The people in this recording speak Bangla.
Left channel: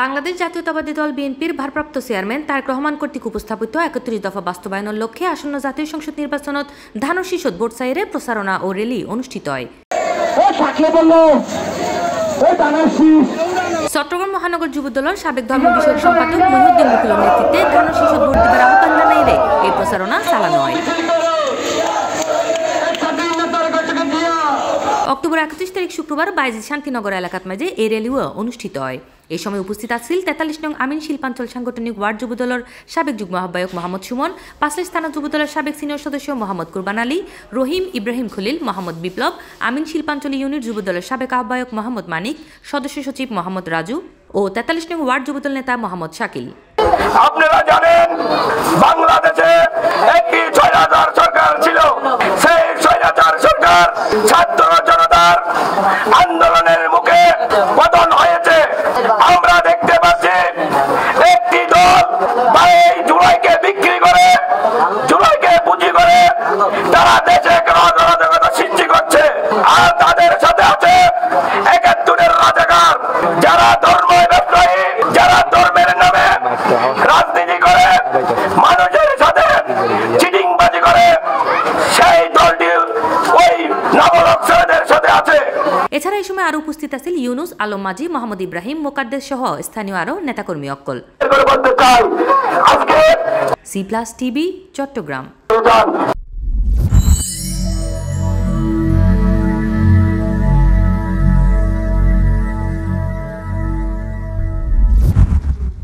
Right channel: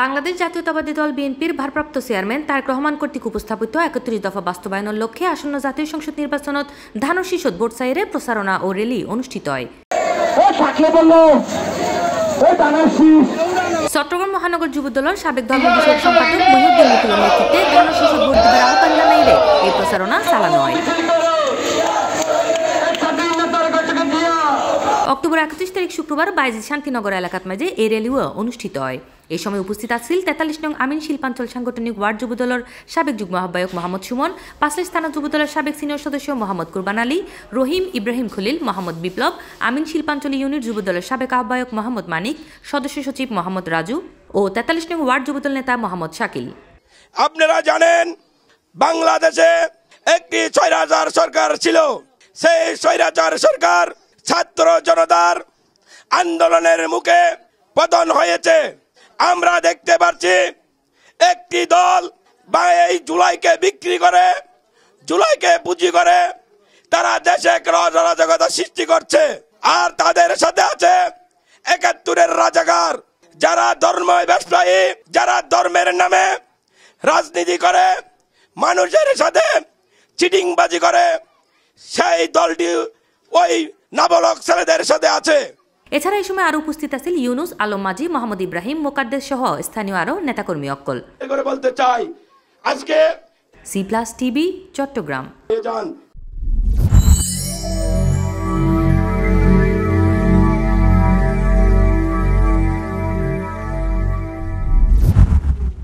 বাংলাদেশ জাতীয়তাবাদী দল বিএনপির ভারপ্রাপ্ত চেয়ারম্যান তারেক রহমান কর্তৃক উপস্থাপিত ৩১ দফা বাস্তবায়নের লক্ষ্যে আসন্ন জাতীয় সংসদ নির্বাচনত ধান ও শীষত ভোট চাইরে প্রচারণা ও র্যালি অনুষ্ঠিত হয়। চট্টগ্রাম মহানগর যুবদলের সাবেক ধর্ম বিষয়ক সম্পাদক মহিউদ্দিন মুকুলের নেতৃত্বে ধান ও শীষত ভোট দেবার আহ্বান জানাইলে এই প্রচারণা চালানো হয়। অক্টোবর ৩১ তারিখ শুক্রবার বাইজিদ শান্তিনগর এলাকাত মাঝে এই র্যালিও অনুষ্ঠিত হয়। এই সময় উপস্থিত আছেন ৪৩ নং আমিন শিল্পাঞ্চল সাংগঠনিক ওয়ার্ড যুবদলের সাবেক যুগ্ম আহ্বায়ক মোহাম্মদ সুমন, পাঁচলাইশ থানা যুবদলের সাবেক সিনিয়র সদস্য মোহাম্মদ কুরবান আলী, রহিম, ইব্রাহিম খলিল, মোহাম্মদ বিপ্লব, আমিন শিল্পাঞ্চল ইউনিট যুবদলের সাবেক আহ্বায়ক মোহাম্মদ মানিক, সদস্য সচিব মোহাম্মদ রাজু ও ৪৩ নং ওয়ার্ড যুবদল নেতা মোহাম্মদ শাকিল। আপনারা জানেন বাংলাদেশে একটি স্বৈরাচার সরকার ছিল। সেই স্বৈরাচার সরকার ছাত্র জনতার আন্দোলনের মুখে পতন হয়েছে। আমরা দেখতে পাচ্ছি একটি দল এই জুলাইকে বিক্রি করে, জুলাইকে পুঁজি করে তারা দেশে অরাজকতা সৃষ্টি করছে। আর তাদের সাথে আছে ৭১-এর রাজাকার, যারা ধর্ম ব্যবসায়ী, যারা ধর্মের নামে রাজনীতি করে, মানুষের সাথে চিটিংবাজি করে, সেই দলটি ওই নবরক্ষদের সাথে আছে। এছাড়া এই সময় আরো উপস্থিত আছেন ইউনুস, আলম মাঝি, মোহাম্মদ ইব্রাহিম, মোকাদ্দেস সহ স্থানীয় আরো নেতাকর্মী অক্কল। বলতে চাই আজকে C+ TV চট্টগ্রাম।